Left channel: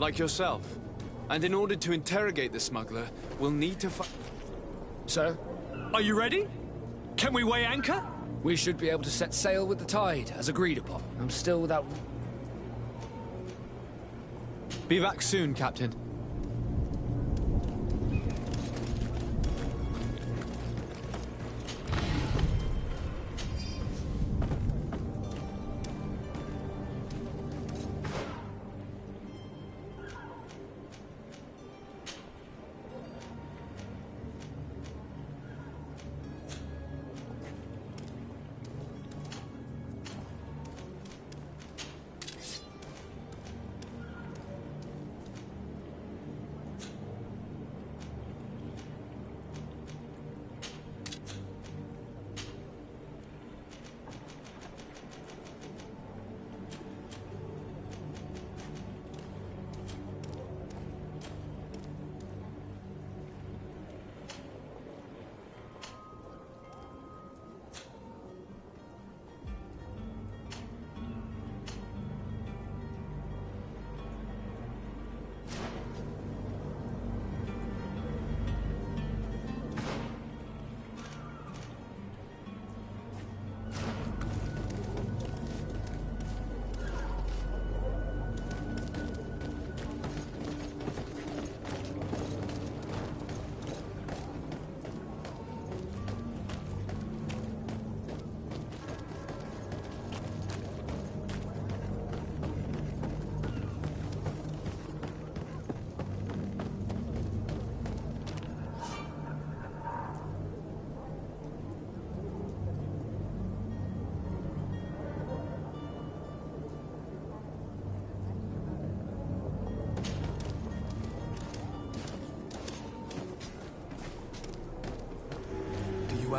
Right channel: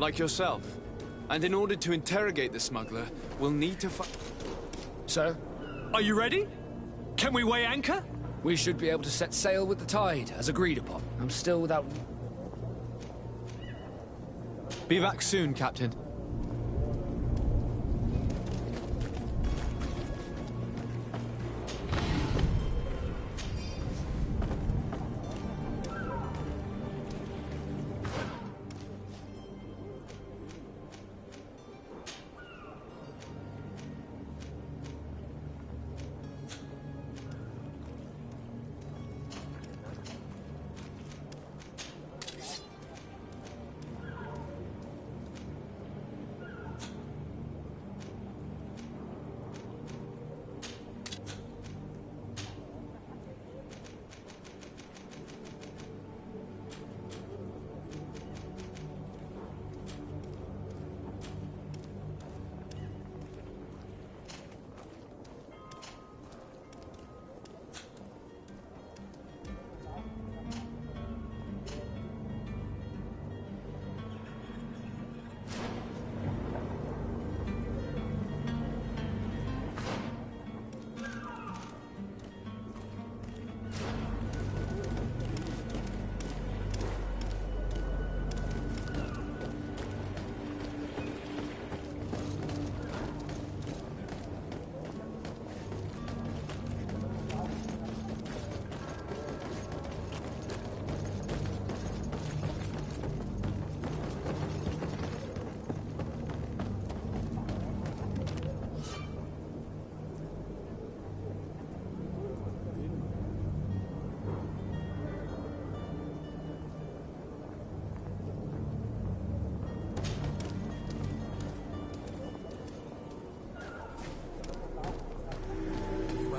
like yourself. And in order to interrogate the smuggler, we'll need to Sir? Are you ready? Can we weigh anchor? We should be able to set sail with the tide, as agreed upon. I'm still without... Be back soon, Captain.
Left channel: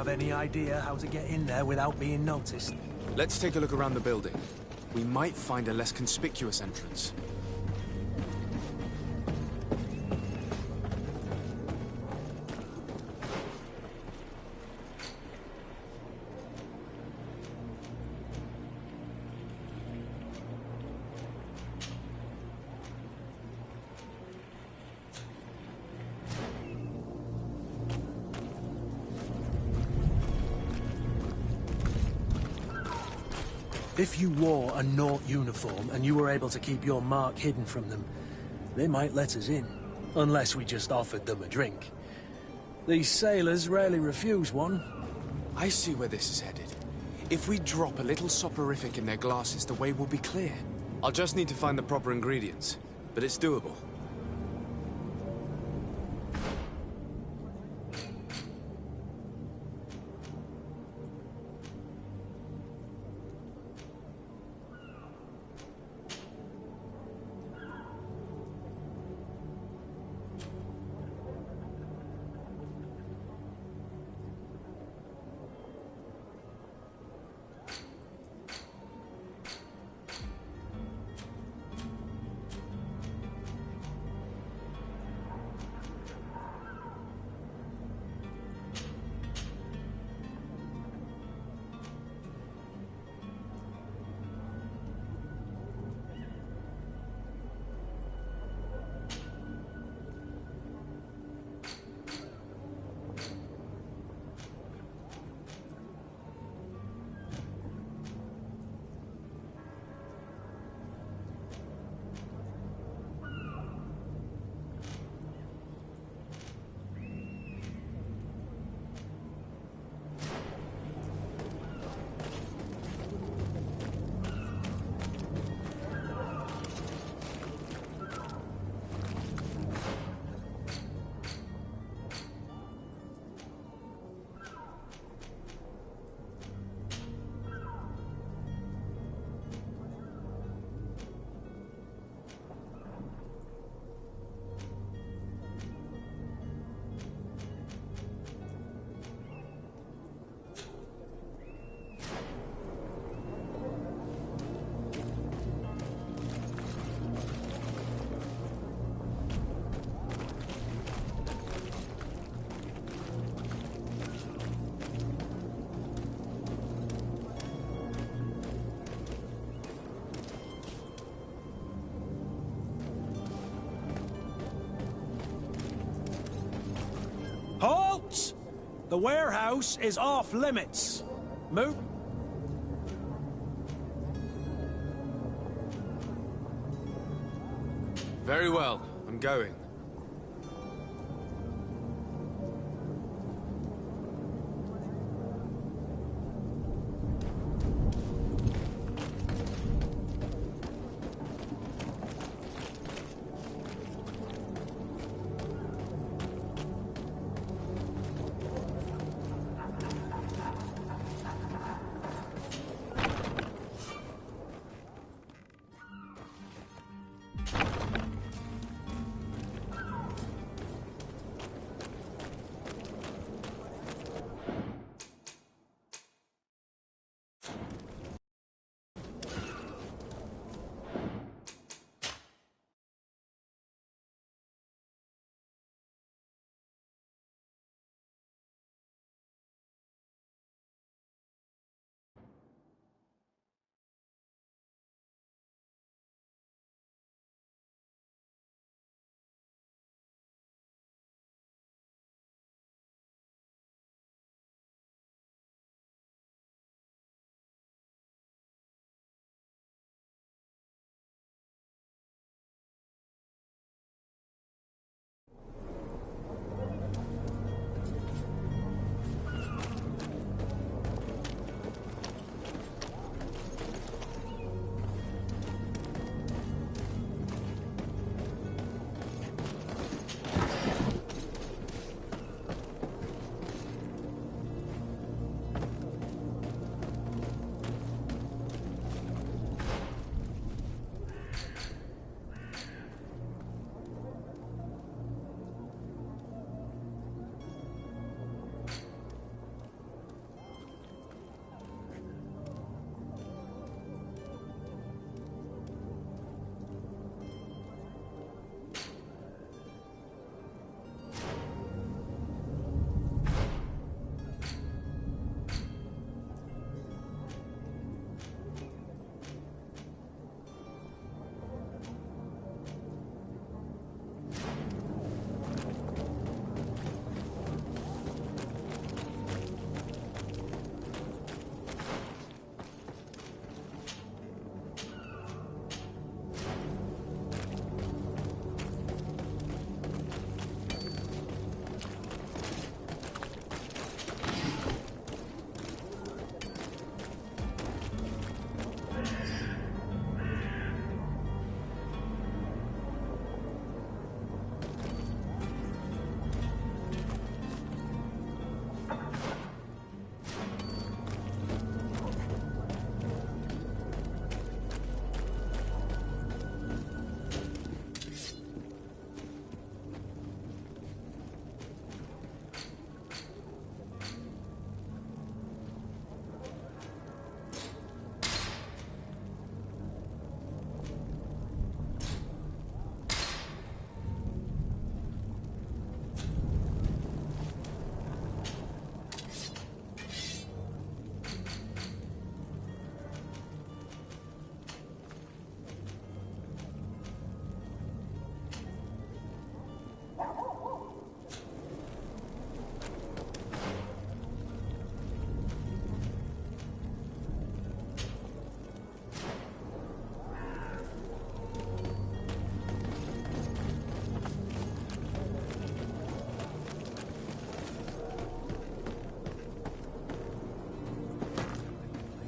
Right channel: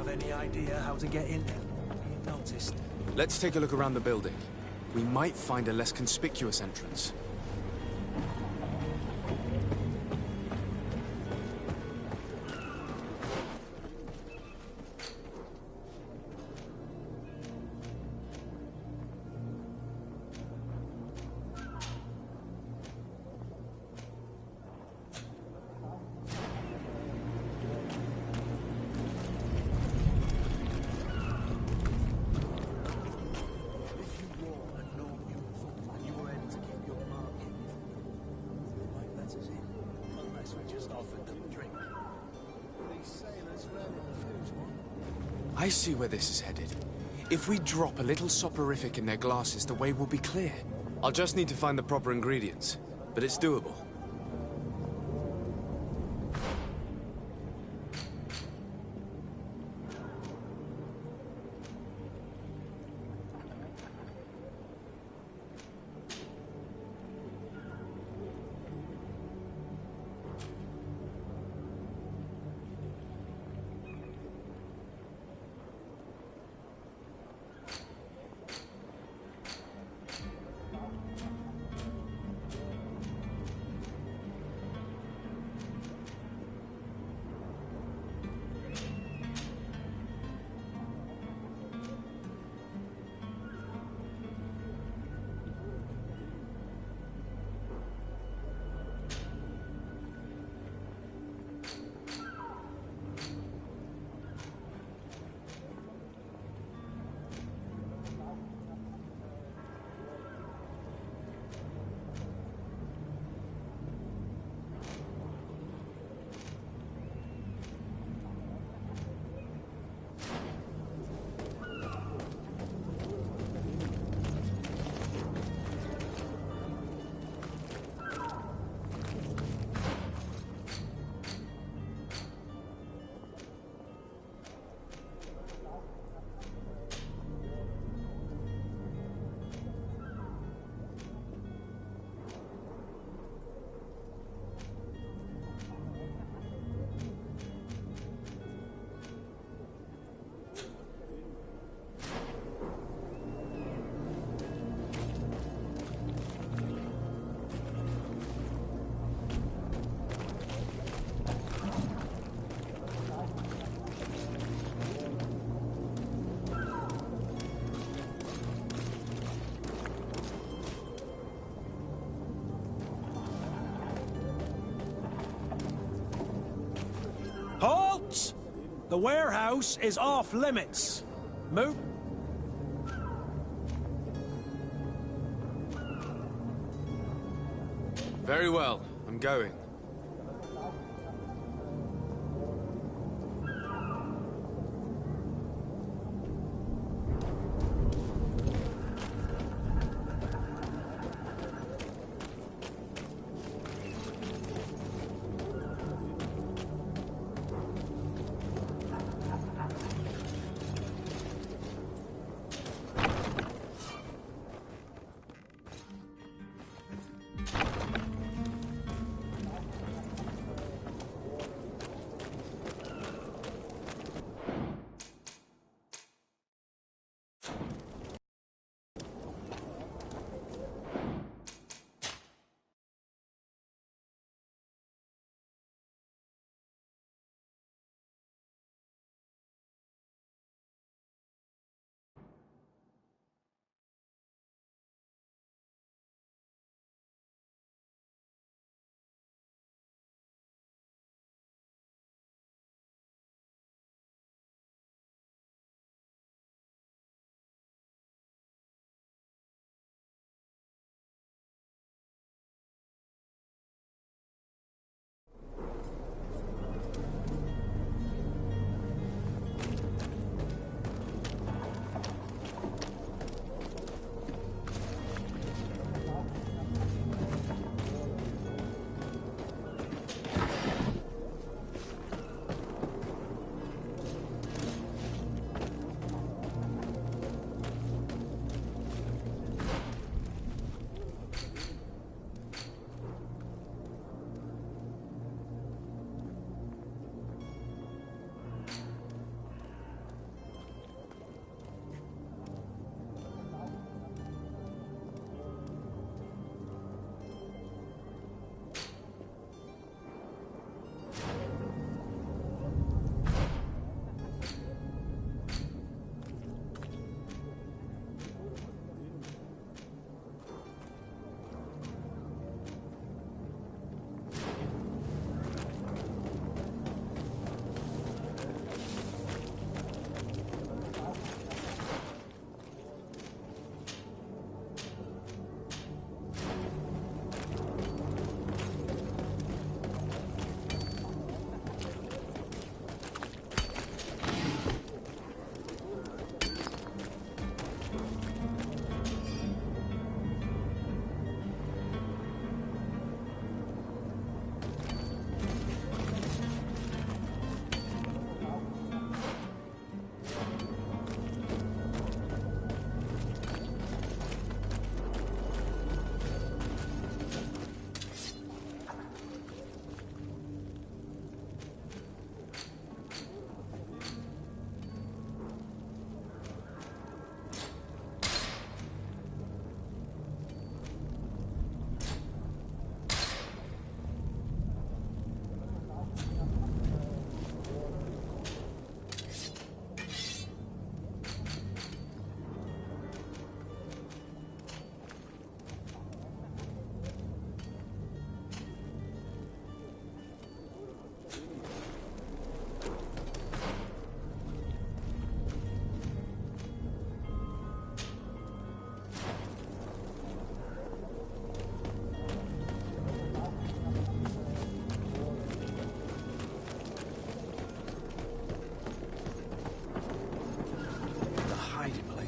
Have any idea how to get in there without being noticed? Let's take a look around the building. We might find a less conspicuous entrance. If you wore a Naut uniform and you were able to keep your mark hidden from them, they might let us in, unless we just offered them a drink. These sailors rarely refuse one. I see where this is headed. If we drop a little soporific in their glasses, the way will be clear. I'll just need to find the proper ingredients, but it's doable. Halt! The warehouse is off limits. Move. Very well. I'm going.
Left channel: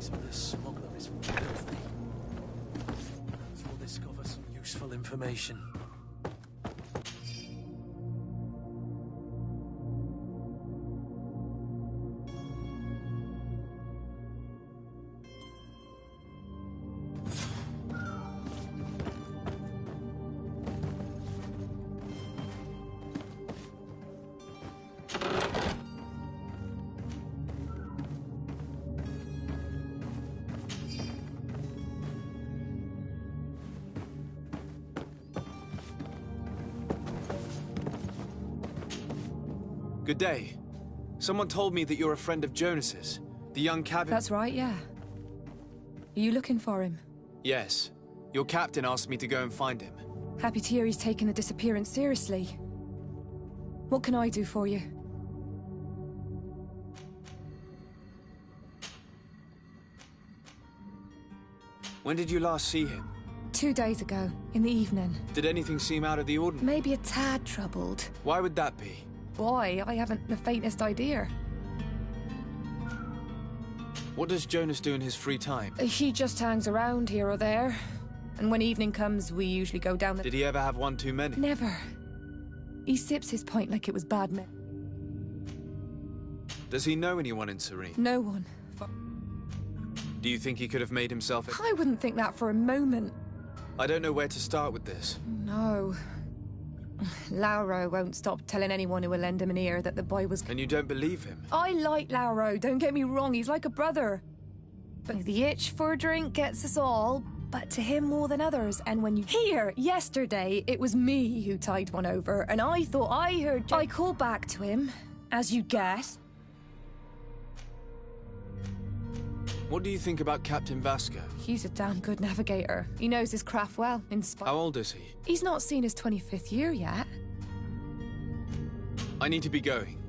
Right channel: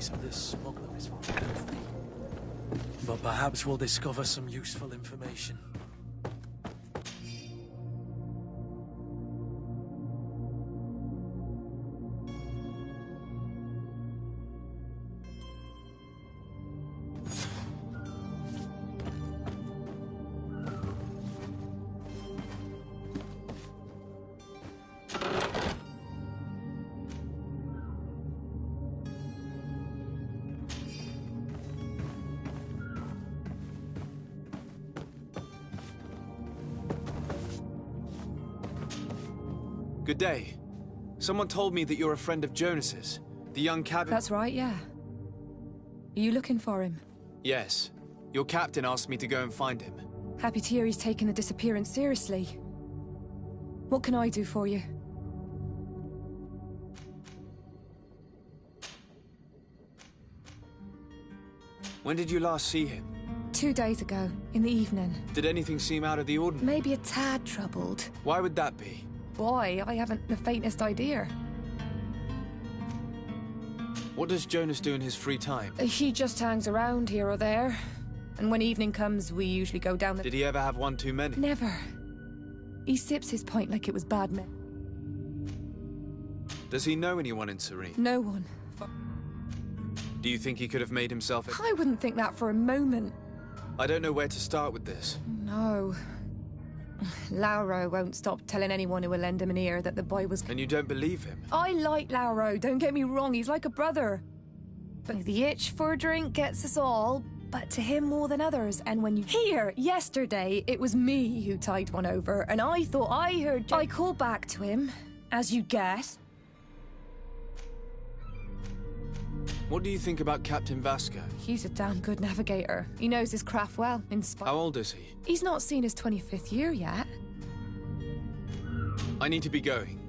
So this smuggler is filthy. But perhaps we'll discover some useful information. Good day. Someone told me that you're a friend of Jonas's, the young cabin... That's right, yeah. Are you looking for him? Yes. Your captain asked me to go and find him. Happy to hear he's taken the disappearance seriously. What can I do for you? When did you last see him? 2 days ago, in the evening. Did anything seem out of the ordinary? Maybe a tad troubled. Why would that be? Boy, I haven't the faintest idea. What does Jonas do in his free time? He just hangs around here or there. And when evening comes, we usually go down the... Did he ever have one too many? Never. He sips his pint like it was bad men. Does he know anyone in Serene? No one. Do you think he could have made himself... I wouldn't think that for a moment. I don't know where to start with this. No. Lauro won't stop telling anyone who will lend him an ear that the boy was... And you don't believe him? I like Lauro, don't get me wrong, he's like a brother. But the itch for a drink gets us all, but to him more than others. And when you... Here, yesterday, it was me who tied one over, and I thought I heard... I called back to him, as you guessed. What do you think about Captain Vasco? He's a damn good navigator. He knows his craft well, in spite... How old is he? He's not seen his 25th year yet. I need to be going.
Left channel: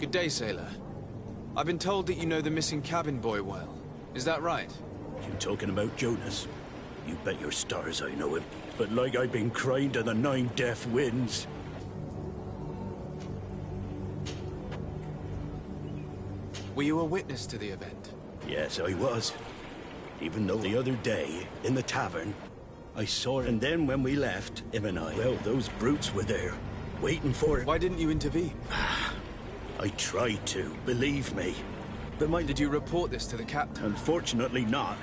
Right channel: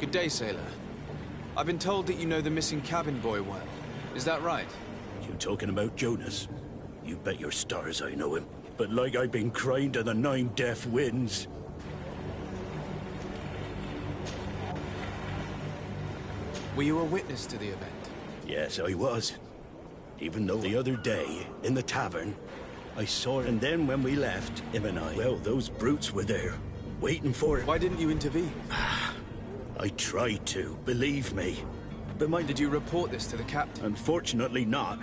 Good day, sailor. I've been told that you know the missing cabin boy well. Is that right? You talking about Jonas? You bet your stars I know him. But like I've been crying to the 9 deaf winds. Were you a witness to the event? Yes, I was. Even though the other day, in the tavern, I saw it, and then when we left, him and I, well, those brutes were there, waiting for it. Why didn't you intervene? I tried to, believe me. But did you report this to the captain? Unfortunately not.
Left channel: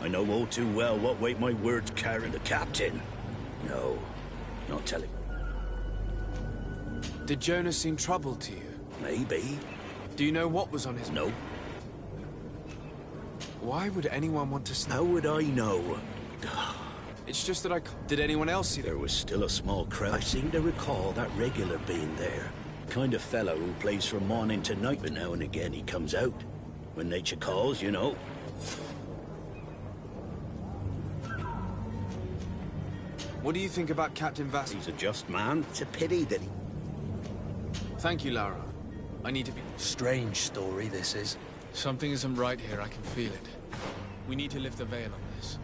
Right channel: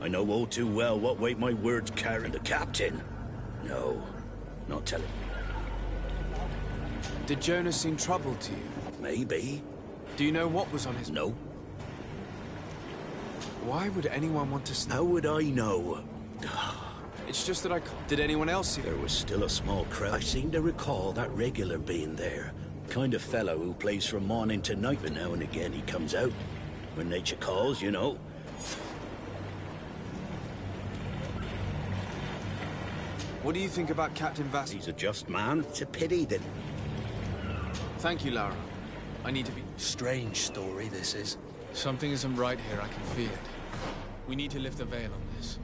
I know all too well what weight my words carry. The captain? No, not telling. Did Jonas seem troubled to you? Maybe. Do you know what was on his... No. Why would anyone want to... How would I know? It's just that I... Did anyone else see... There was still a small crowd. I seem to recall that regular being there. Kind of fellow who plays from morning to night, but now and again he comes out. When nature calls, you know. What do you think about Captain Vass? He's a just man. It's a pity that he... Thank you, Lara. I need to be... Strange story, this is. Something isn't right here, I can feel it. We need to lift the veil on this.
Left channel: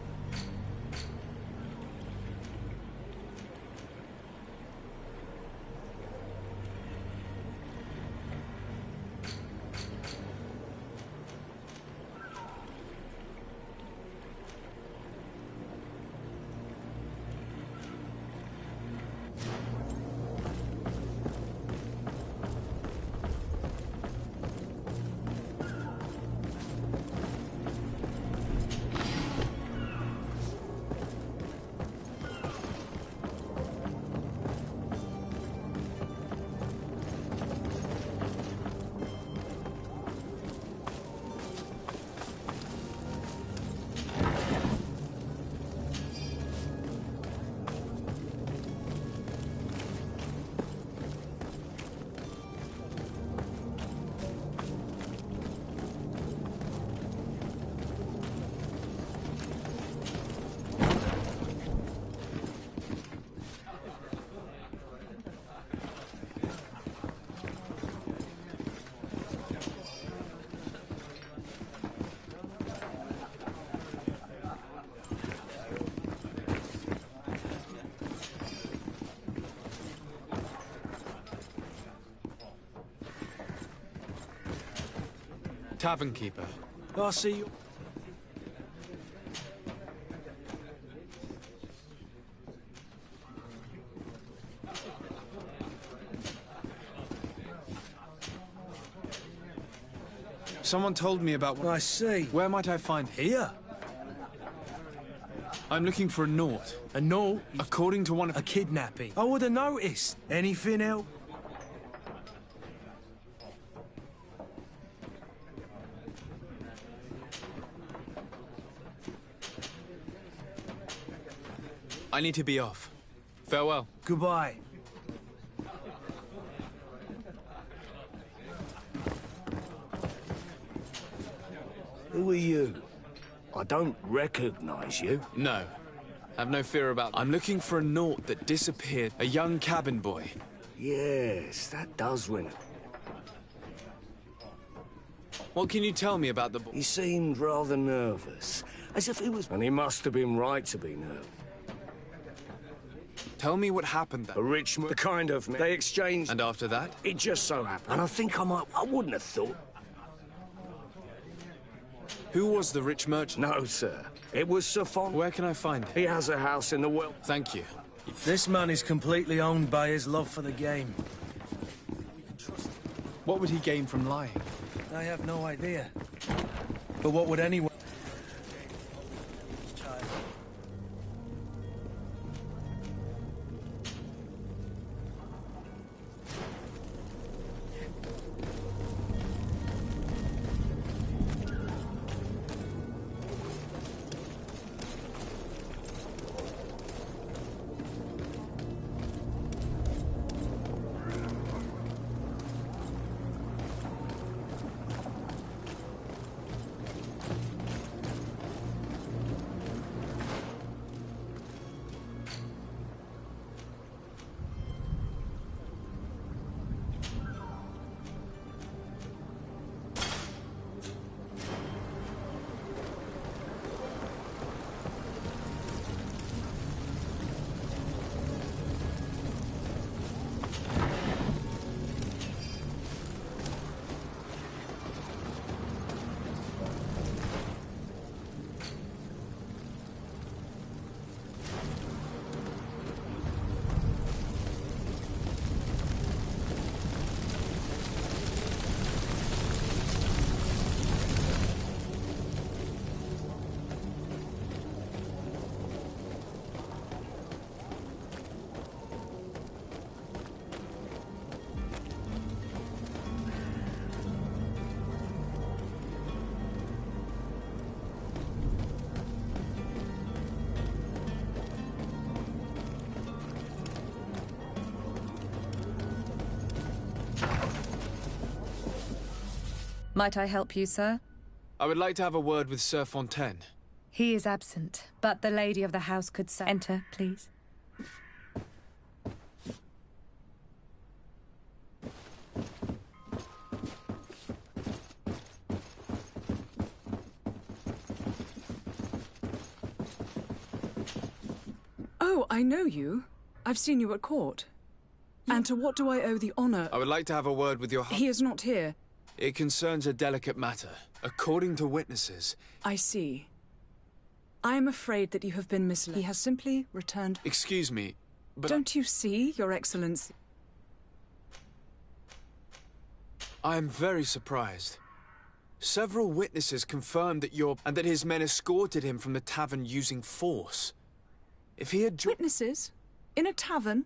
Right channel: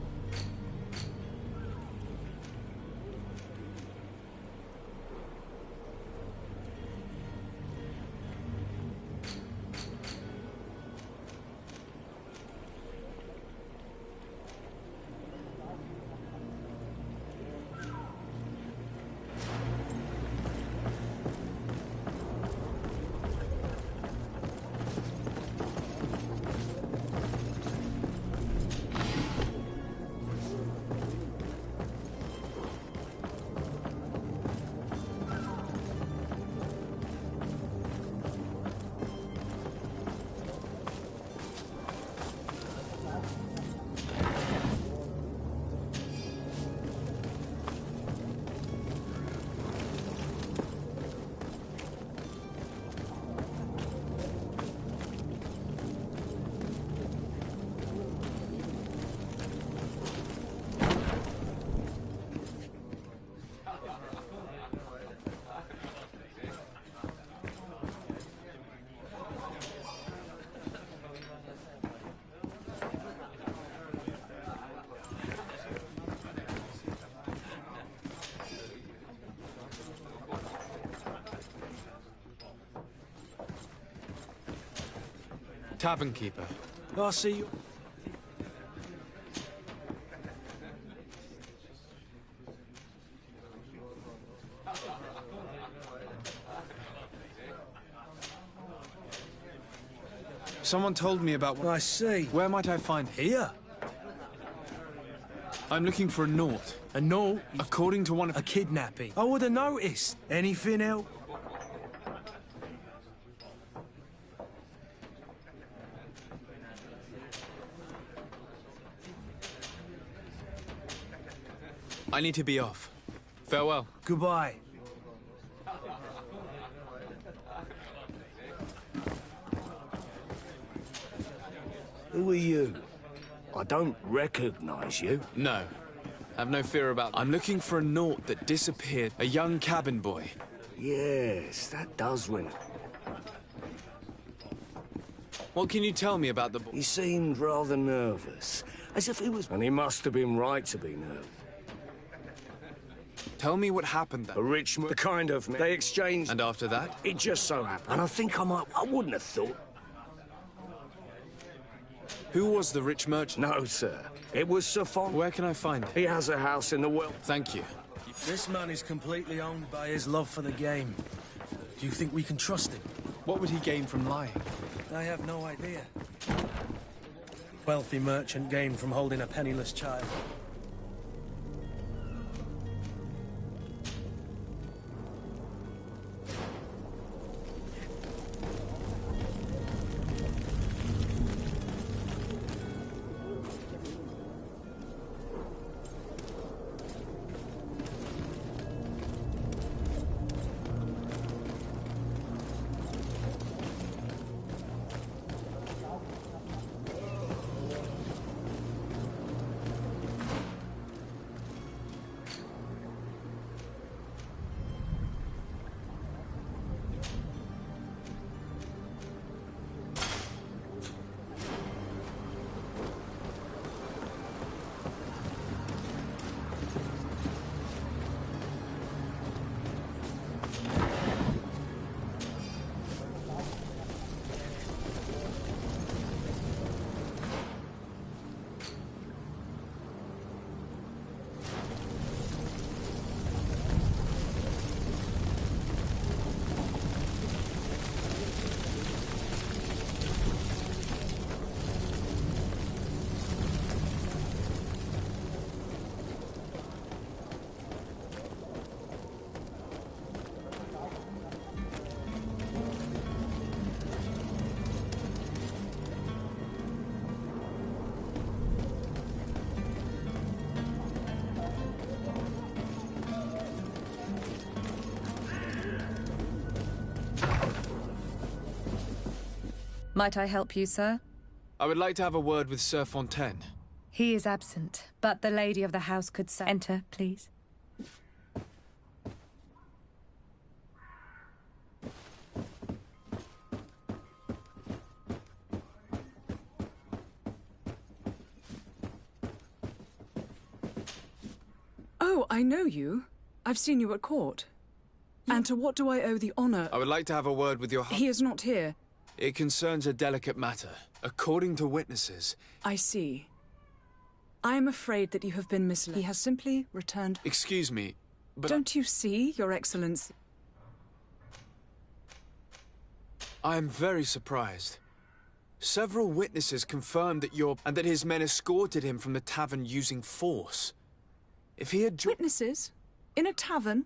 Tavern keeper. I see you. Someone told me about one. I see. Where might I find him? Here? I'm looking for a note. A note? According to one of... A kidnapping. I would have noticed. Anything else? I need to be off. Farewell. Goodbye. Who are you? I don't recognize you. No. Have no fear about that. I'm looking for a note that disappeared. A young cabin boy. Yes, that does ring. What can you tell me about the boy? He seemed rather nervous, as if he was... And he must have been right to be nervous. Tell me what happened then. A rich man, the kind of... They exchanged... And after that? It just so happened. And I think I wouldn't have thought... Who was the rich merchant? No, sir. It was Sir Fon. Where can I find him? He has a house in the well. Thank you. This man is completely owned by his love for the game. Do you think we can trust him? What would he gain from lying? I have no idea. But what would any wealthy merchant gain from holding a penniless child? Might I help you, sir? I would like to have a word with Sir Fontaine. He is absent, but the lady of the house could say... Enter, please. Oh, I know you. I've seen you at court. And to what do I owe the honor? I would like to have a word with your... He is not here. It concerns a delicate matter. According to witnesses... I see. I am afraid that you have been misled. He has simply returned... Excuse me, but... Don't you see, Your Excellency? I am very surprised. Several witnesses confirmed that and that his men escorted him from the tavern using force. If he had... Witnesses? In a tavern?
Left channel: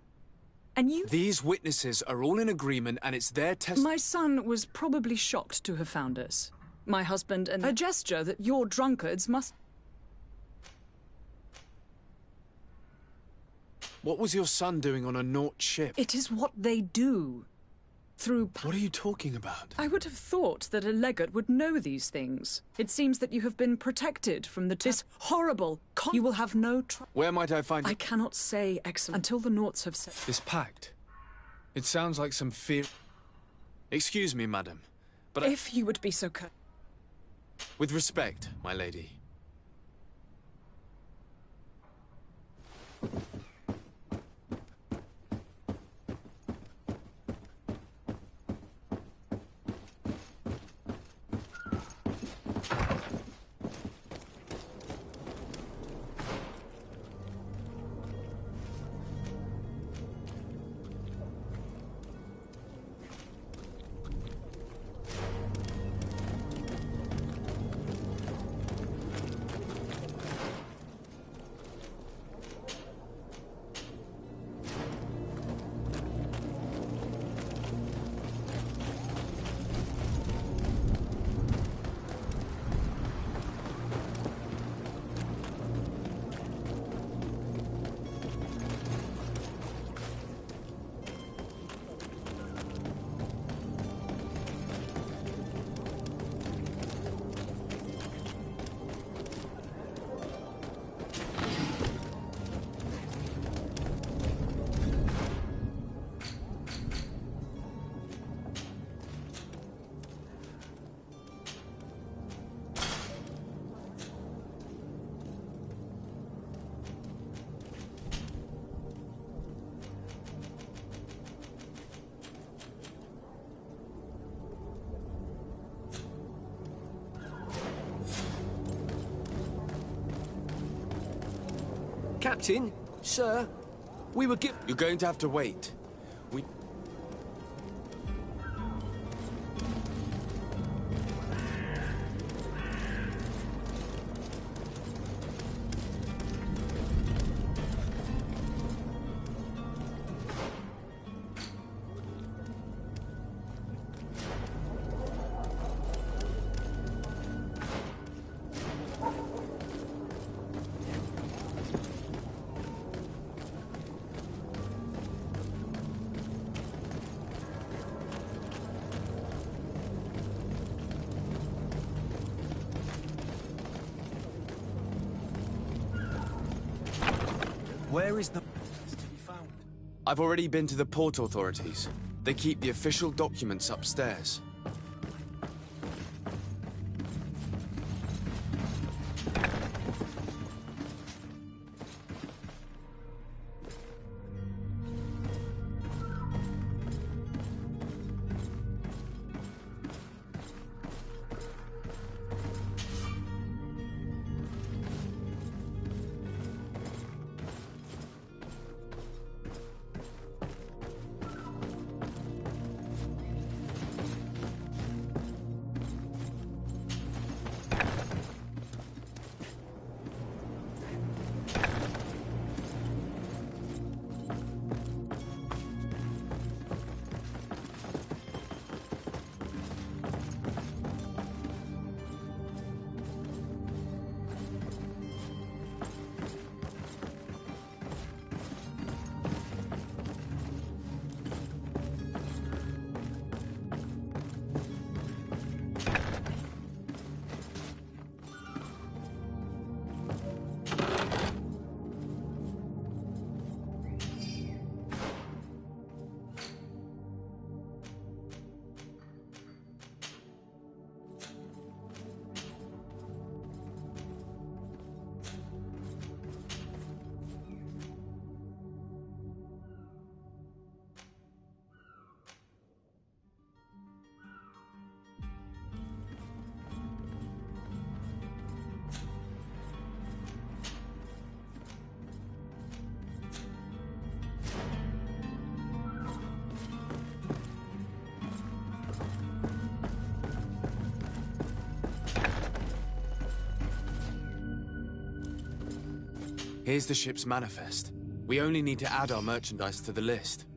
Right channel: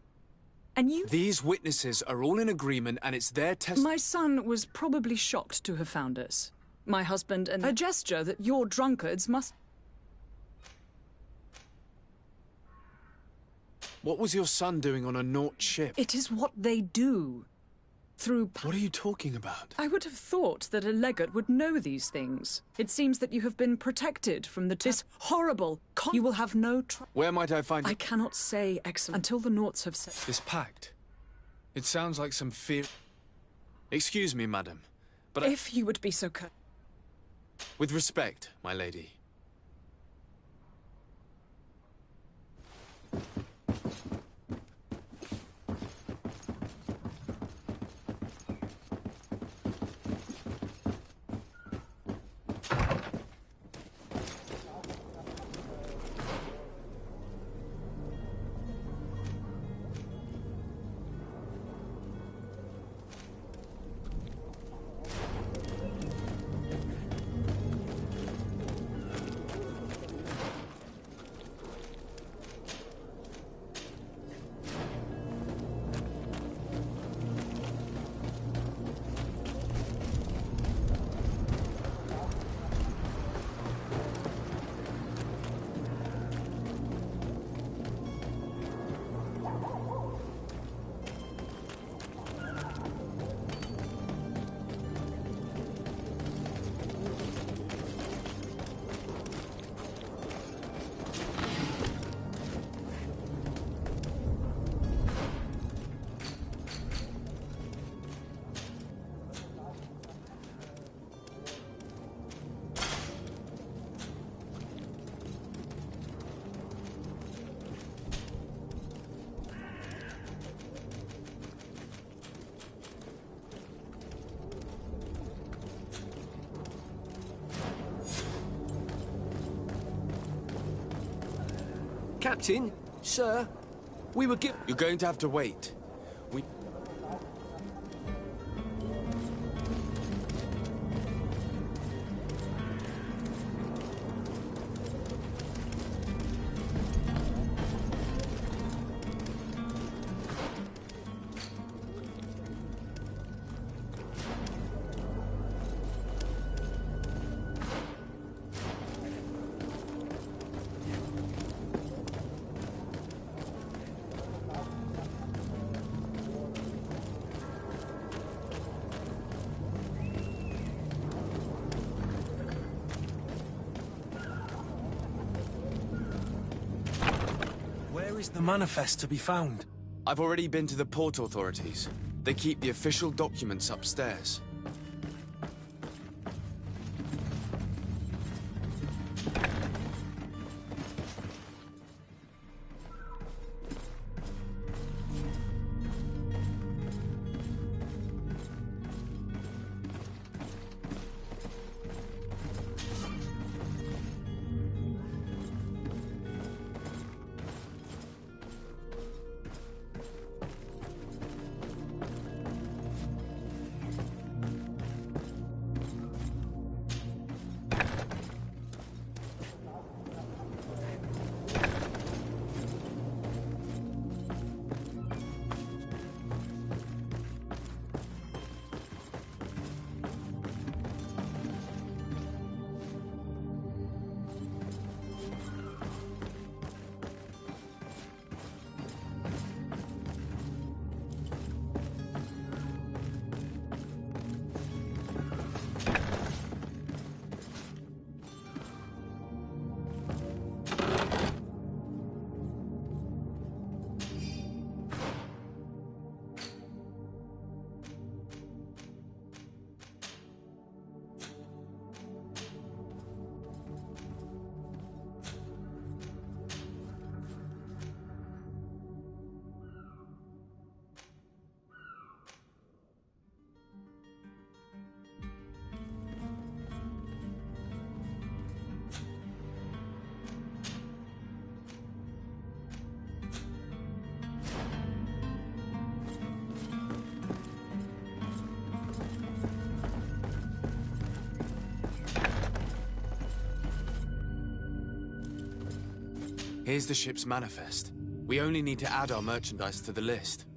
And you... These witnesses are all in agreement, and it's their My son was probably shocked to have found us. My husband and... A gesture that your drunkards must... What was your son doing on a Naut ship? It is what they do. Through... What are you talking about? I would have thought that a legate would know these things. It seems that you have been protected from this horrible... You will have no... Where might I find it? I cannot say, Excellent, until the Nauts have said... This pact. It sounds like some fear... Excuse me, madam, but If you would be so kind... With respect, my lady. Captain, sir, we were You're going to have to wait. We... Where is the manifest to be found? I've already been to the port authorities. They keep the official documents upstairs. Here's the ship's manifest. We only need to add our merchandise to the list.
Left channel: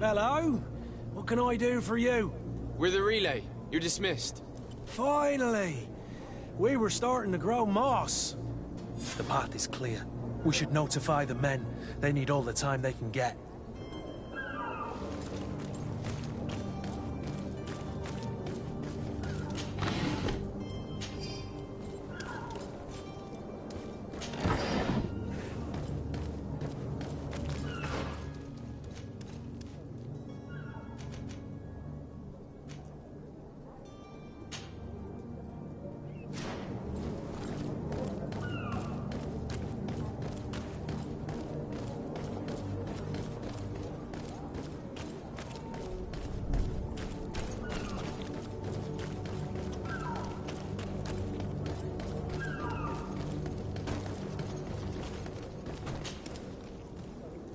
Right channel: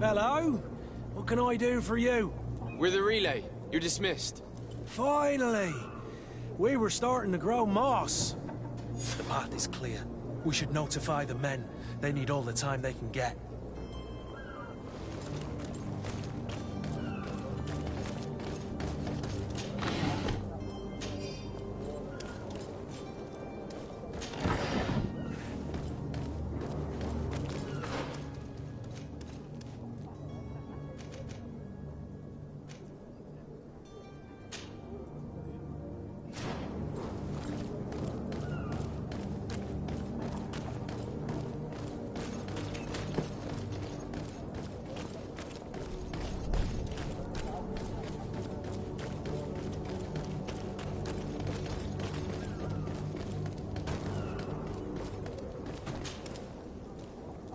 Hello? What can I do for you? We're the relay. You're dismissed. Finally! We were starting to grow moss. The path is clear. We should notify the men. They need all the time they can get.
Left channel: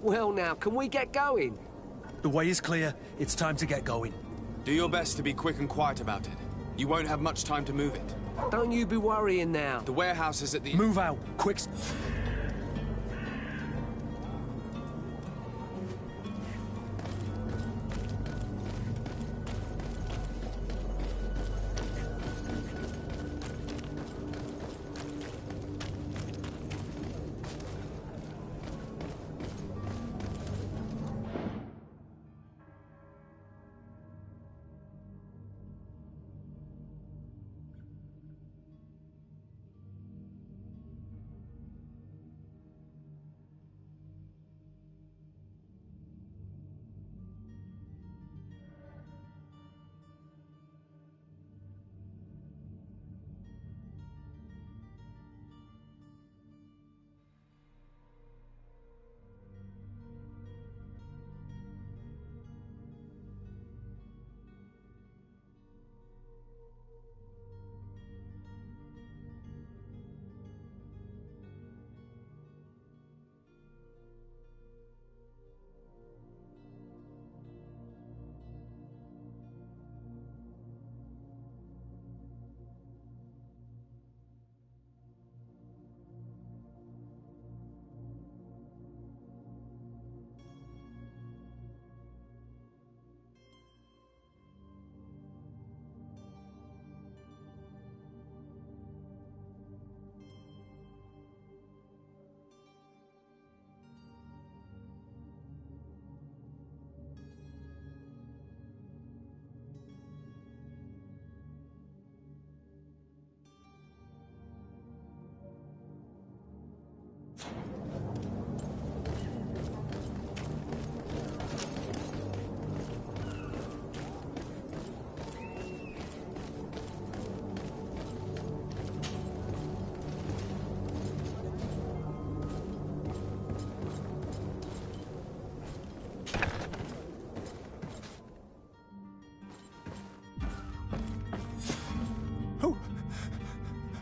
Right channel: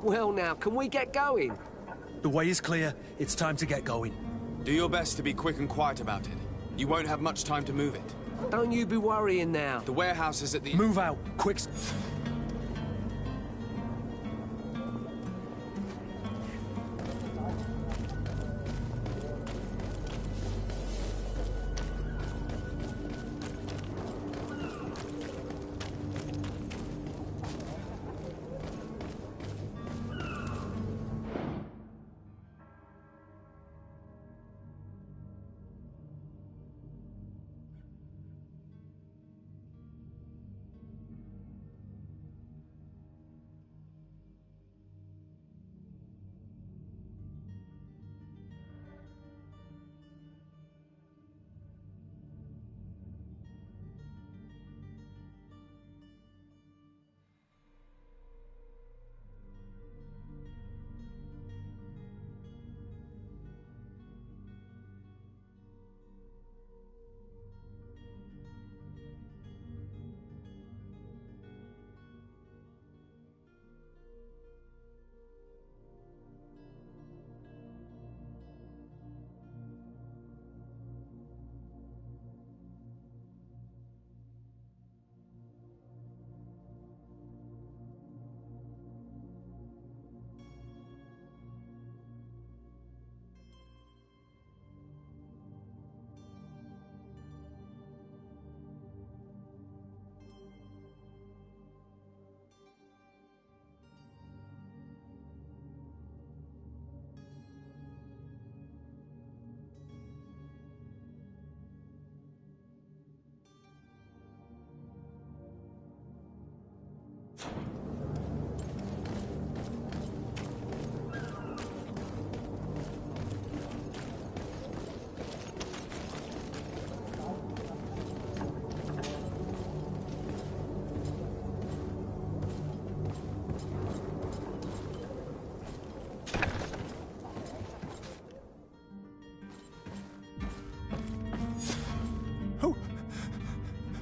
Well now, can we get going? The way is clear. It's time to get going. Do your best to be quick and quiet about it. You won't have much time to move it. Don't you be worrying now. The warehouse is at the... Move out, quick.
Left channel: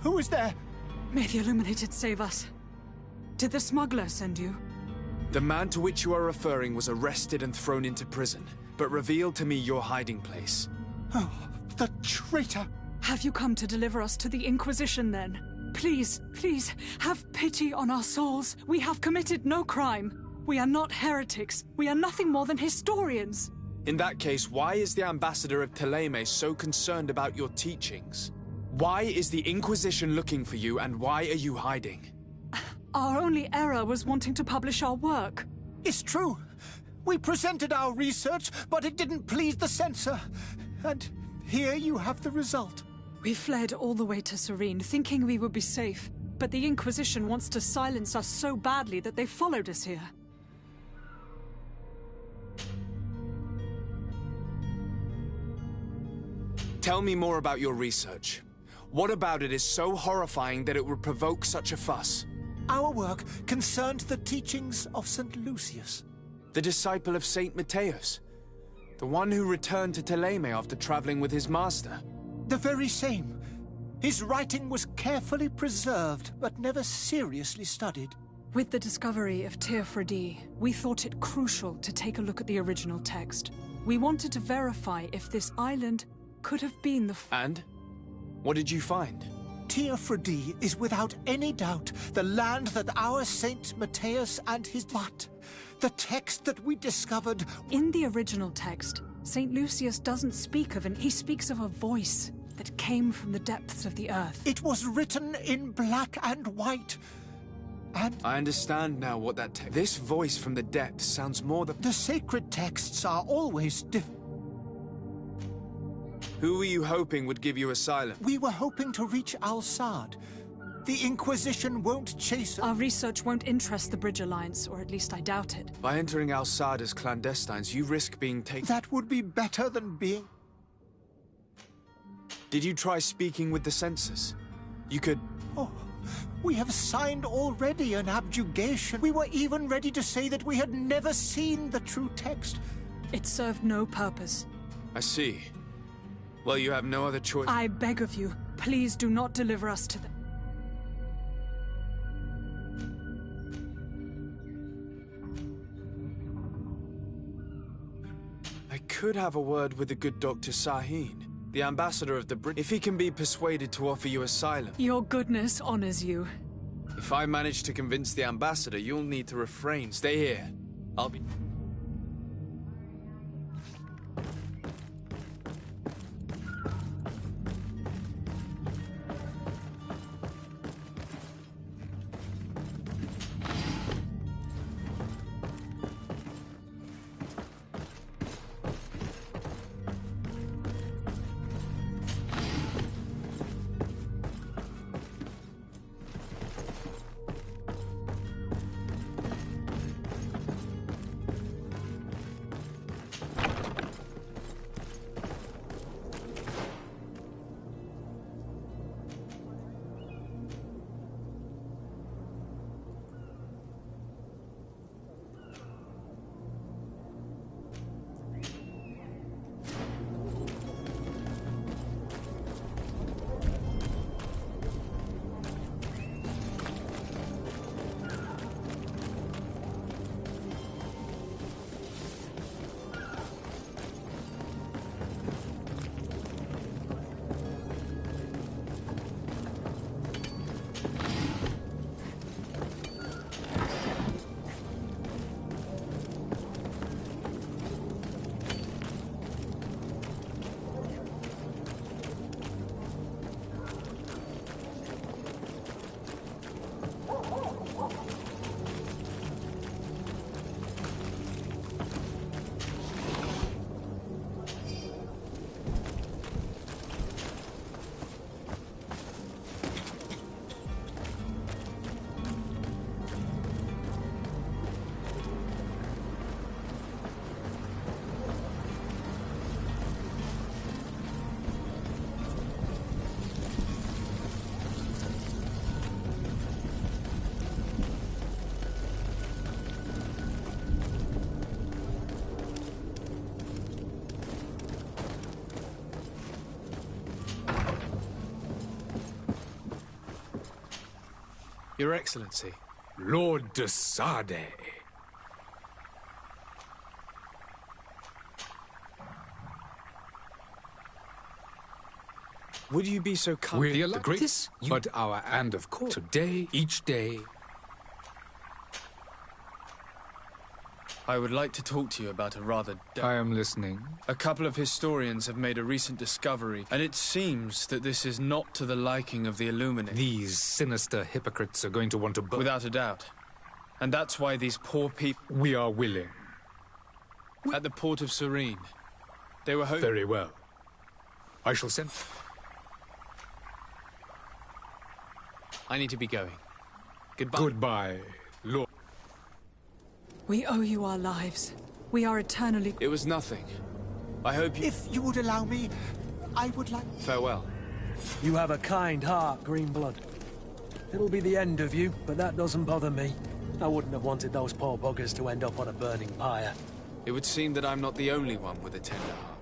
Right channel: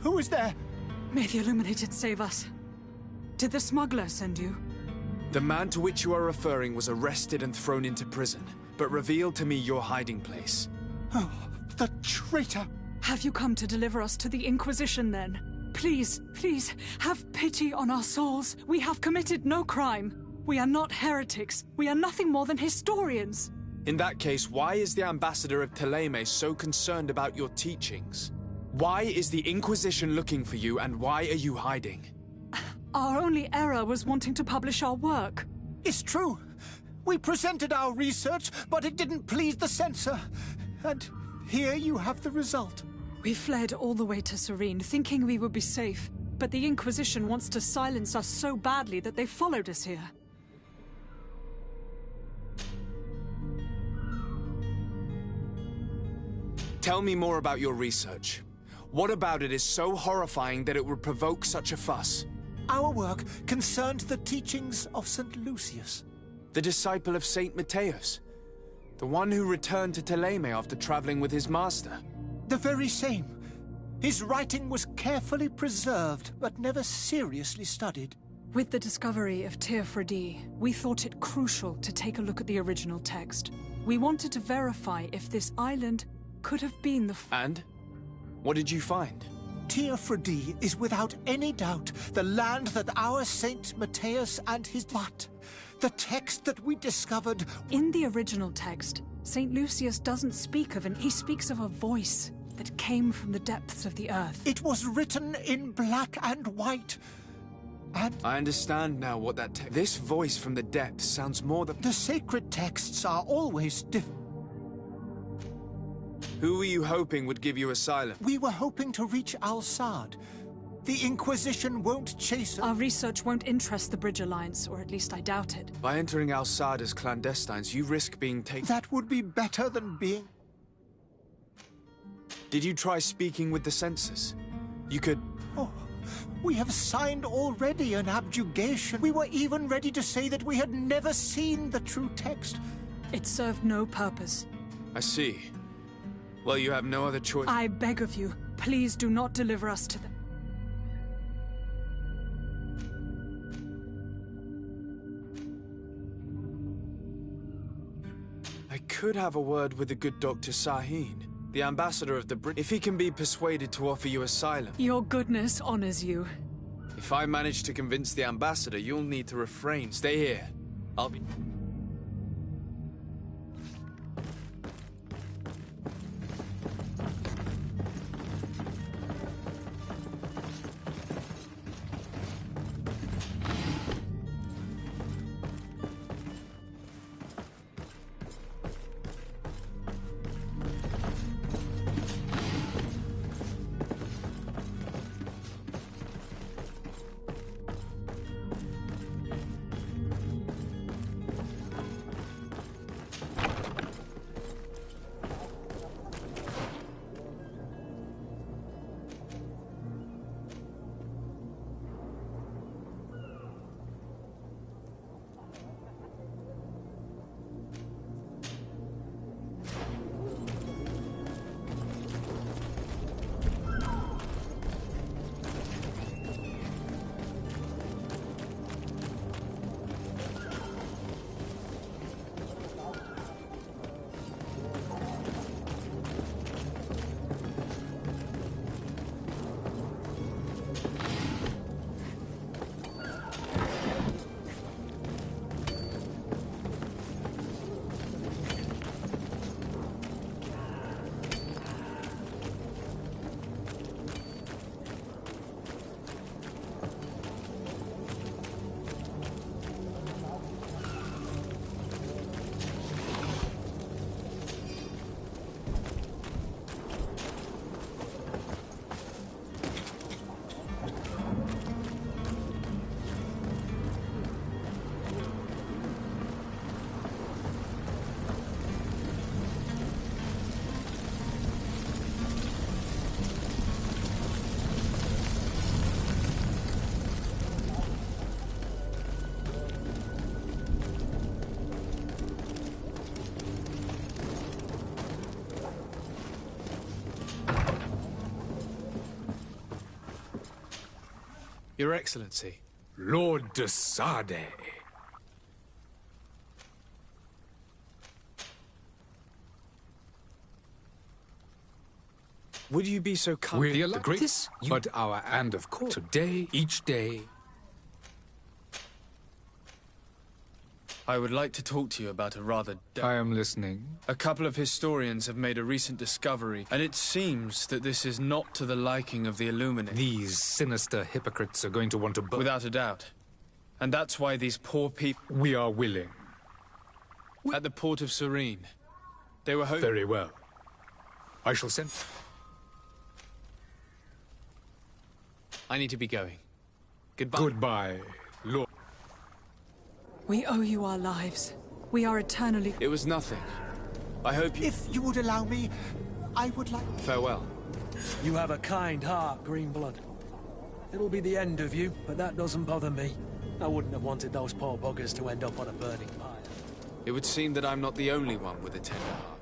Who is there? May the Illuminated save us. Did the smuggler send you? The man to which you are referring was arrested and thrown into prison, but revealed to me your hiding place. Oh, the traitor! Have you come to deliver us to the Inquisition, then? Please, please, have pity on our souls. We have committed no crime. We are not heretics. We are nothing more than historians. In that case, why is the ambassador of Thélème so concerned about your teachings? Why is the Inquisition looking for you, and why are you hiding? Our only error was wanting to publish our work. It's true. We presented our research, but it didn't please the censor. And here you have the result. We fled all the way to Serene, thinking we would be safe. But the Inquisition wants to silence us so badly that they followed us here. Tell me more about your research. What about it is so horrifying that it would provoke such a fuss? Our work concerned the teachings of St. Lucius. The disciple of St. Matthias? The one who returned to Thélème after traveling with his master? The very same. His writing was carefully preserved, but never seriously studied. With the discovery of Teofredi, we thought it crucial to take a look at the original text. We wanted to verify if this island could have been the... And? What did you find? Teofrodi is without any doubt the land that our Saint Matthias and his... But the text that we discovered... In the original text, St. Lucius doesn't speak of he speaks of a voice that came from the depths of the earth. It was written in black and white. And... I understand now what that this voice from the depths sounds more than... The sacred texts are always Who were you hoping would give you asylum? We were hoping to reach Al-Sad. The Inquisition won't chase us. Our research won't interest the Bridge Alliance, or at least I doubt it. By entering Al-Sad as clandestines, you risk being taken... That would be better than being... Did you try speaking with the censors? You could... Oh, we have signed already an abjugation. We were even ready to say that we had never seen the true text. It served no purpose. I see. Well, you have no other choice. I beg of you, please do not deliver us to them. I could have a word with the good Dr. Sahin, the ambassador of the Brit. If he can be persuaded to offer you asylum. Your goodness honors you. If I manage to convince the ambassador, you'll need to refrain. Stay here. I'll be... Your Excellency. Lord de Sade. Would you be so kind? We're the greatest, but and of course, today, each day. I would like to talk to you about a rather... I am listening. A couple of historians have made a recent discovery, and it seems that this is not to the liking of the Illuminati. These sinister hypocrites are going to want to... Without a doubt. And that's why these poor people... We are willing. At the port of Serene. They were hoping... Very well. I shall send... I need to be going. Goodbye. Goodbye, Lord. We owe you our lives. We are eternally... It was nothing. I hope you... If you would allow me, I would like... Farewell. You have a kind heart, Greenblood. It'll be the end of you, but that doesn't bother me. I wouldn't have wanted those poor buggers to end up on a burning pyre. It would seem that I'm not the only one with a tender heart.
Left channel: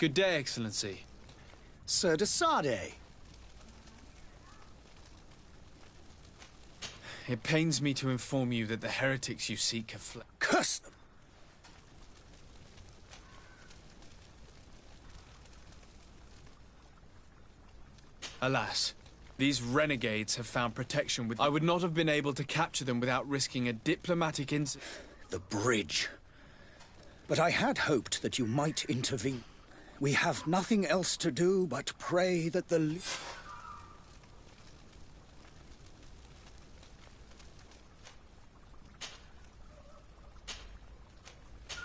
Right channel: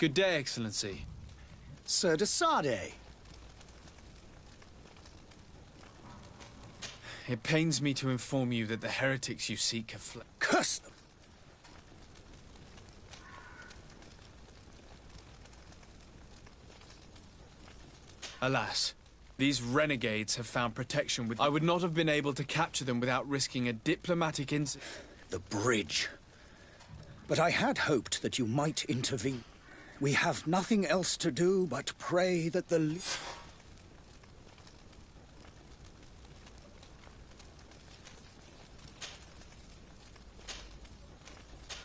Good day, Excellency. Sir de Sade. It pains me to inform you that the heretics you seek have fled. Curse them! Alas, these renegades have found protection with... I would not have been able to capture them without risking a diplomatic incident. The bridge. But I had hoped that you might intervene. We have nothing else to do but pray that the...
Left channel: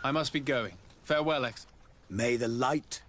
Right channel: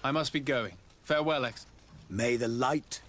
I must be going. Farewell, Ex. May the light...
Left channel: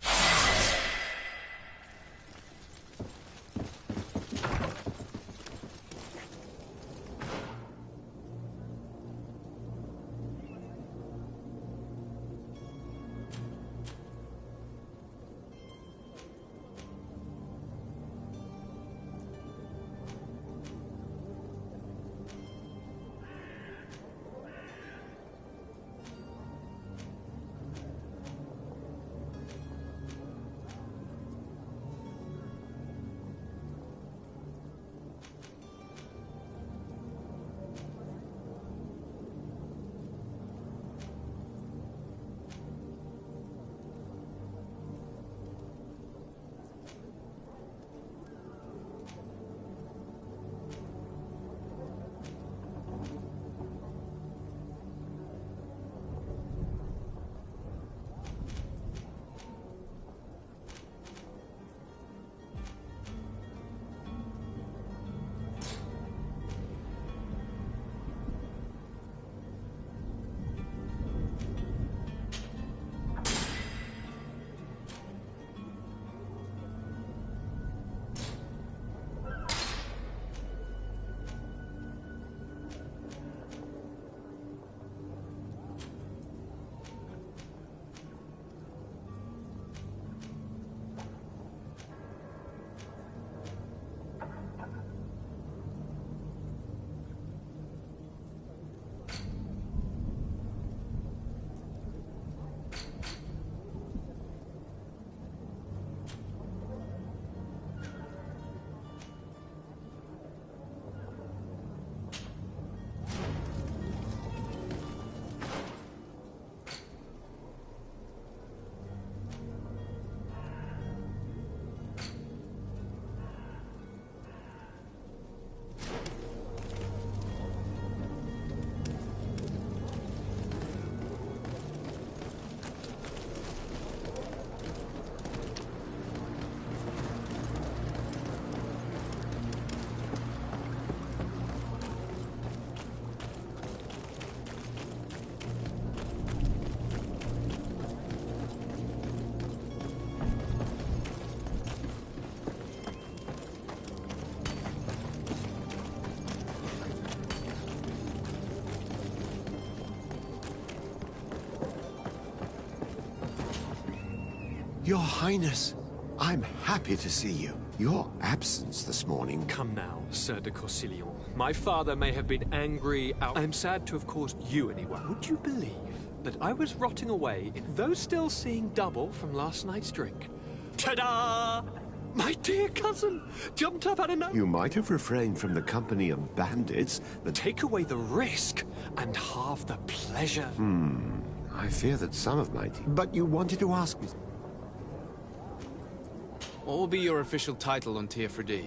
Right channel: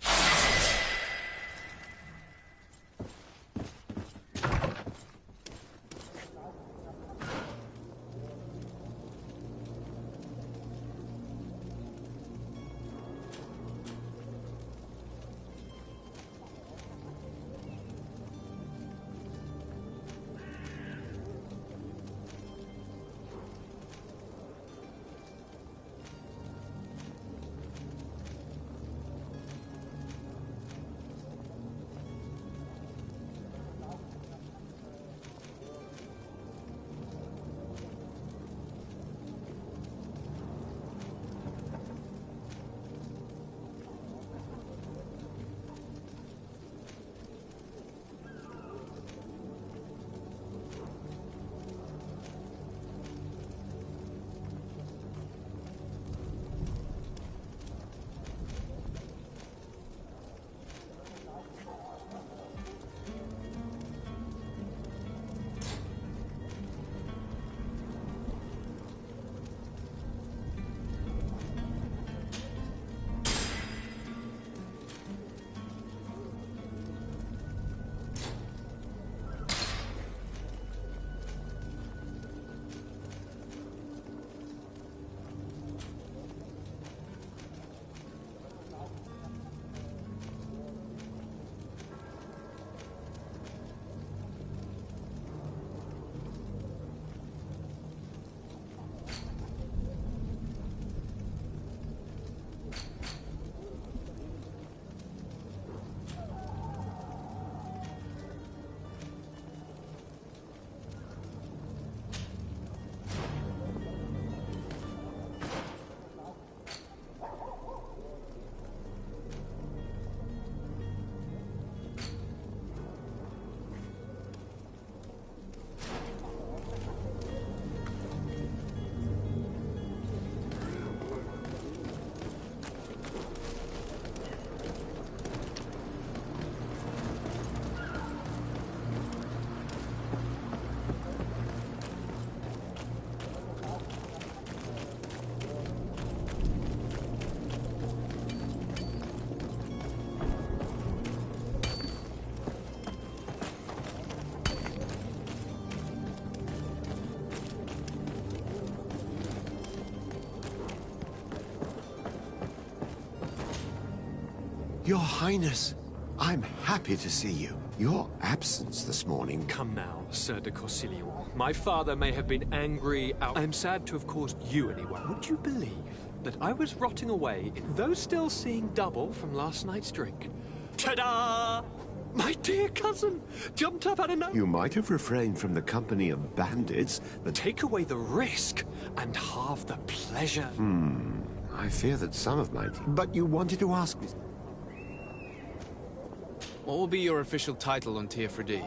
Your Highness, I'm happy to see you. Your absence this morning... Come now, Sir de Corsilio. My father may have been angry. I am sad to have caused you any worry. Would you believe that I was rotting away, though still seeing double from last night's drink? Ta-da! My dear cousin jumped up out of nowhere. You might have refrained from the company of bandits that... Take away the risk and halve the pleasure. I fear that some of my team... But you wanted to ask me... What will be your official title on Teofredi?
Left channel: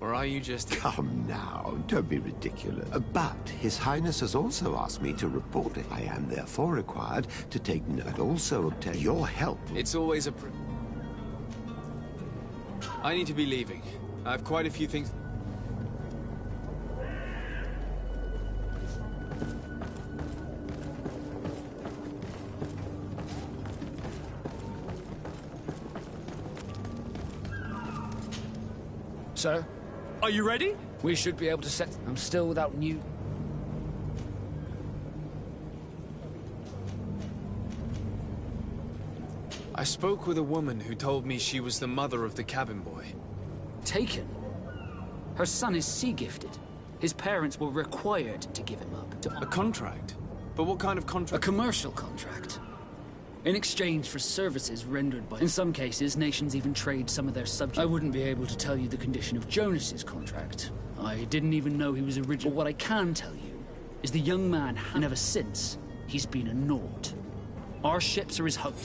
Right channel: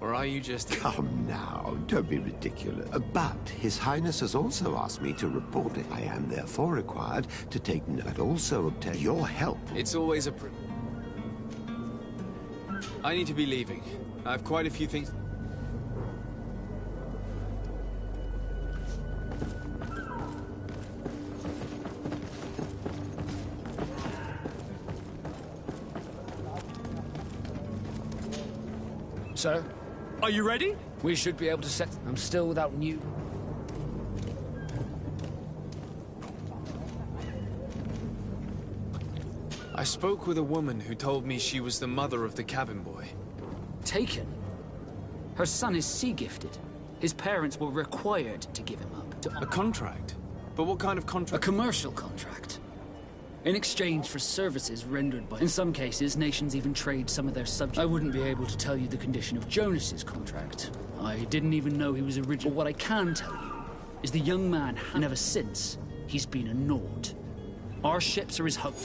Or are you just... Come now, don't be ridiculous. But His Highness has also asked me to report it. I am therefore required to take note and also obtain your help. It's always a... I need to be leaving. I have quite a few things... Sir? Are you ready? We should be able to set... I'm still without new... I spoke with a woman who told me she was the mother of the cabin boy. Taken? Her son is sea-gifted. His parents were required to give him up to... A contract? But what kind of contract? A commercial contract. in exchange for services rendered by... In some cases, nations even trade some of their subjects. I wouldn't be able to tell you the condition of Jonas's contract. I didn't even know he was original. But what I can tell you is the young man, and ever since, he's been a naught. Our ships are his hope.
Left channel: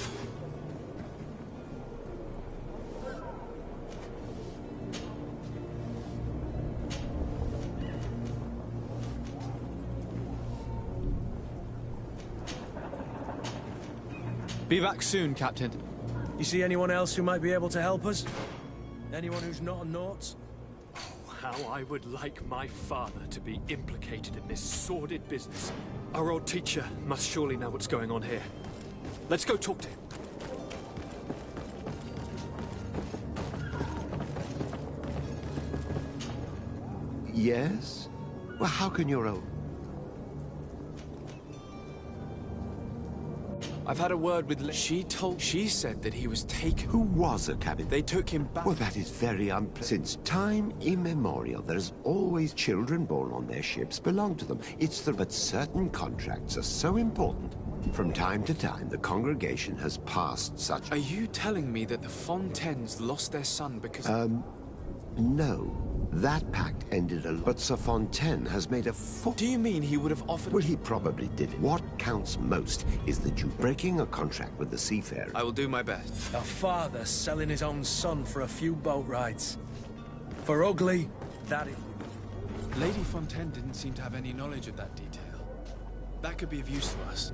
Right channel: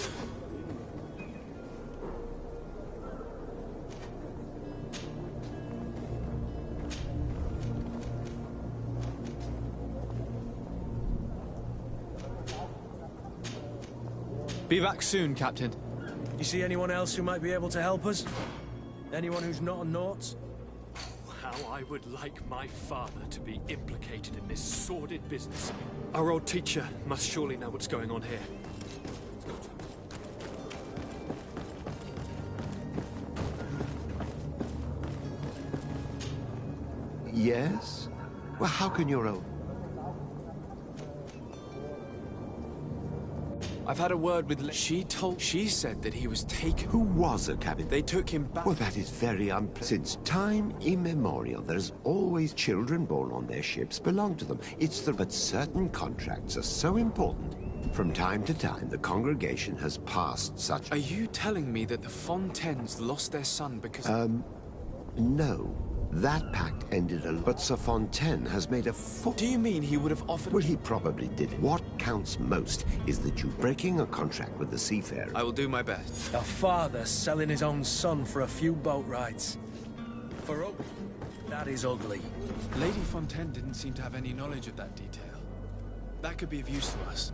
Be back soon, Captain. You see anyone else who might be able to help us? Anyone who's not a Naut? How I would like my father to be implicated in this sordid business. Our old teacher must surely know what's going on here. Let's go talk to him. Yes? Well, how can your old... I've had a word with... She said that he was taken. Who was a cabin? They took him back. Well, that is very unpleasant. Since time immemorial, there's always children born on their ships belong to them. But certain contracts are so important. From time to time, the congregation has passed such... Are you telling me that the Fontaines lost their son because... No. That pact ended but Sir Fontaine has made a Do you mean he would have offered... Well, he probably did. What counts most is that you breaking a contract with the seafarer. I will do my best. A father selling his own son for a few boat rides. For ugly, that is ugly. Lady Fontaine didn't seem to have any knowledge of that detail. That could be of use to us.